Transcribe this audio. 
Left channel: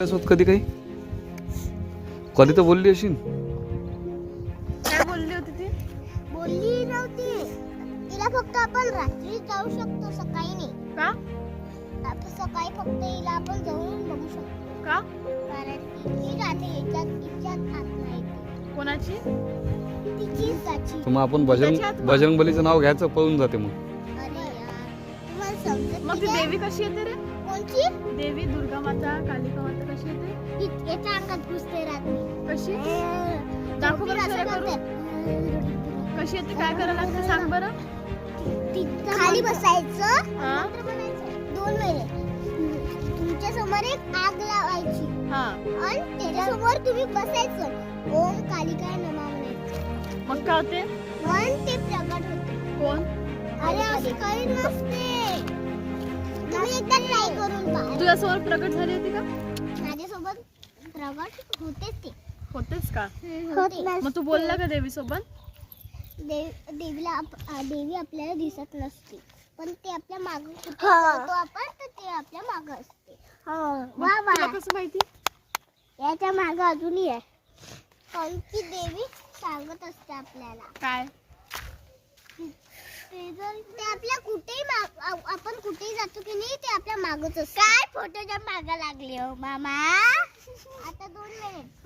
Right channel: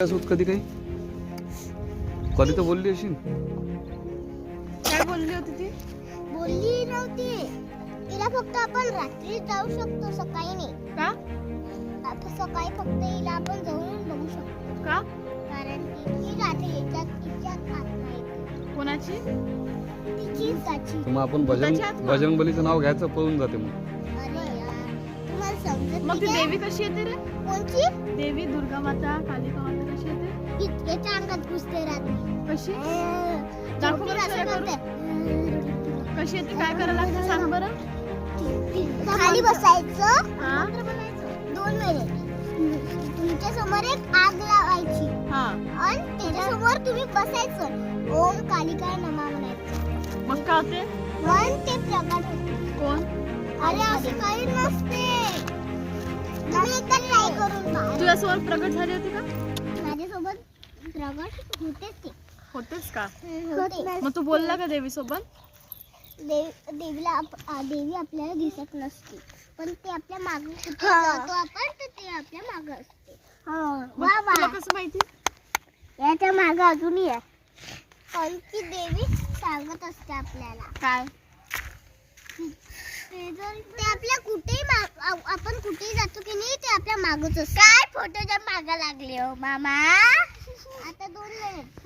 कधी काही कधी तर बोलली अशी काय बोलली होती ती? बोलली नव्हती तिला. फक्त आपण रात्री जाऊ शकतो, सकाळी नाही. का? सकाळी फक्त हिला आपण जाऊन बघू शकतो. का? कारण ती रात्री हिच्यात हात नाही. कोणाची? तिची. मग आपण बजरंग बलीचं नाव घ्यायचं, पळून जाते मग. अरे यार, तुम्हाला समजत मग ती नाही देवी कशी येते रे? का? कोणची? देवी दुर्गा माता, कालिका माता कशी येते? याच्या अंगात घुसते रात्री. कशी? दाखव बरं असं जरा करून. करते. कशी येते? काय करायला लागतं सांग बरं. खाली बसायचं हा? 2 महिने. तुमच्या समोर एक आग लावायची हा. आणि त्याच्यासमोर तुम्ही बसायचं. ओम कालिकाय नमः म्हणायचं. मग काय होते? पण ते प्रगट होते. कोण? अरे असं काही नसते. तुम्ही एकदा ट्राय करून पहा. तुझ्यासमोर प्रगट झाली होती का? माझ्यासोबत प्रगट होते ते. होतेच का? होते. मग तू बोलला का देवी सोबत? देवी आपल्याला दिसत नसते, पण ते आपल्या मागे कुठे जातो आपण तर ते आपल्या मागे असते. वा वा. तुला कसं माहिती? याच्या मागे अजूनही आहे. कारण की देवी सांगत असते आपल्याला. काय? ते आपल्या कुठेही आपण कुठेही जातो की नाही, ते आपल्या मागच असते. काय फोटोच्या मागे लागले हो मामा. आता 2 मिनिट.